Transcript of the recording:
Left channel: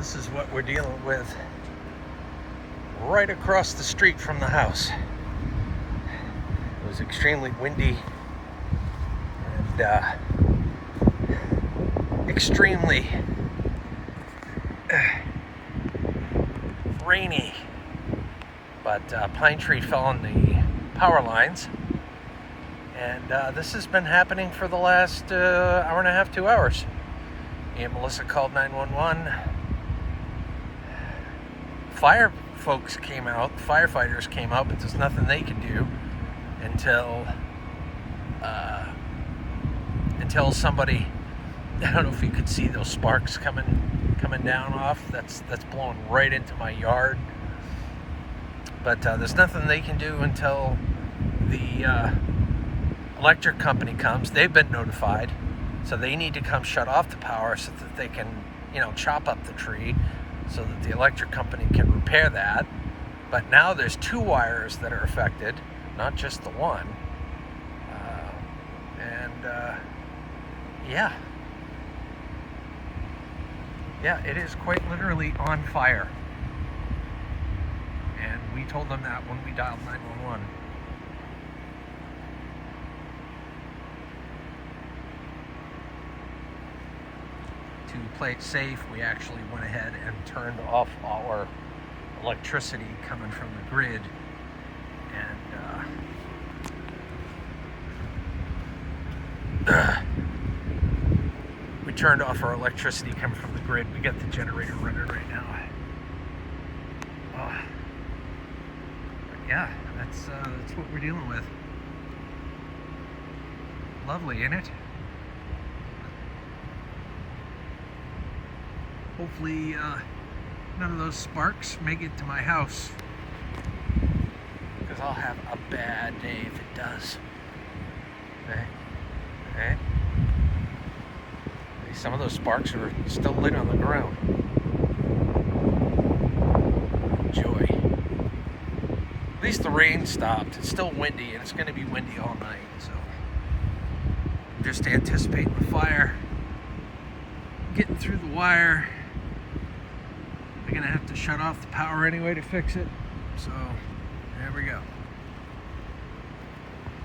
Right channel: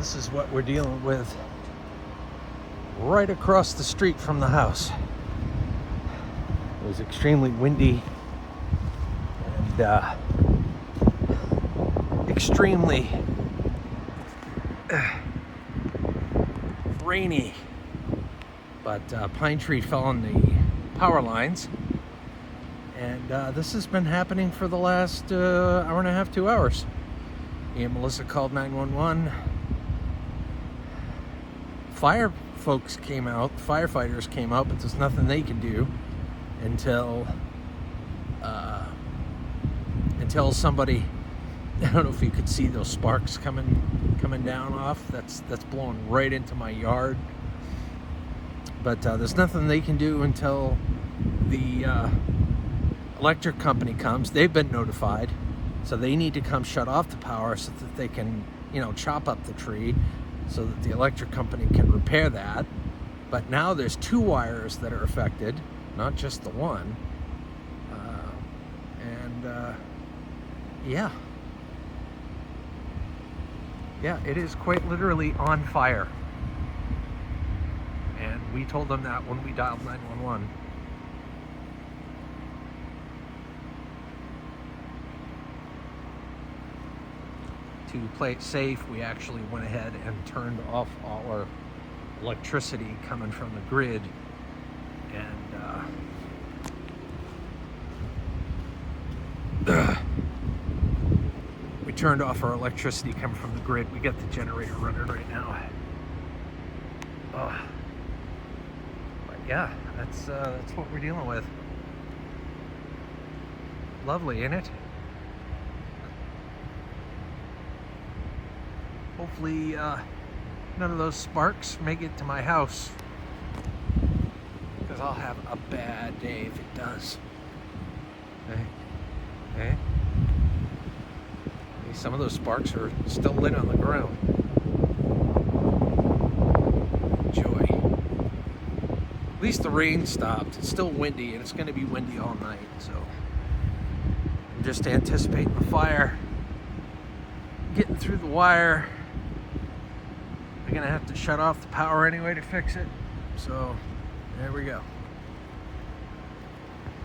This is what we're dealing with right across the street from the house. It was extremely windy and extremely rainy, but a pine tree fell on the power lines, and this has been happening for the last hour and a half, 2 hours. Me and Melissa called 911. Fire folks came out, firefighters came out, but there's nothing they can do until somebody, I don't know if you could see those sparks coming down off. That's blowing right into my yard. But there's nothing they can do until the electric company comes. They've been notified, so they need to come shut off the power so that they can, chop up the tree so that the electric company can repair that. But now there's 2 wires that are affected, not just the one. Yeah, it is quite literally on fire. And we told them that when we dialed 911. To play it safe, we actually went ahead and turned off our electricity coming from the grid, and we turned off our electricity coming from the grid. We got the generator running right now. Yeah, that's what we're dealing with. Lovely, ain't it? Hopefully none of those sparks make it to my house, because I'll have a bad day if it does. Okay. Some of those sparks are still lit on the ground. Joy. At least the rain stopped. It's still windy, and it's going to be windy all night, so I'm just anticipating the fire getting through the wire. We're gonna have to shut off the power anyway to fix it, so there we go.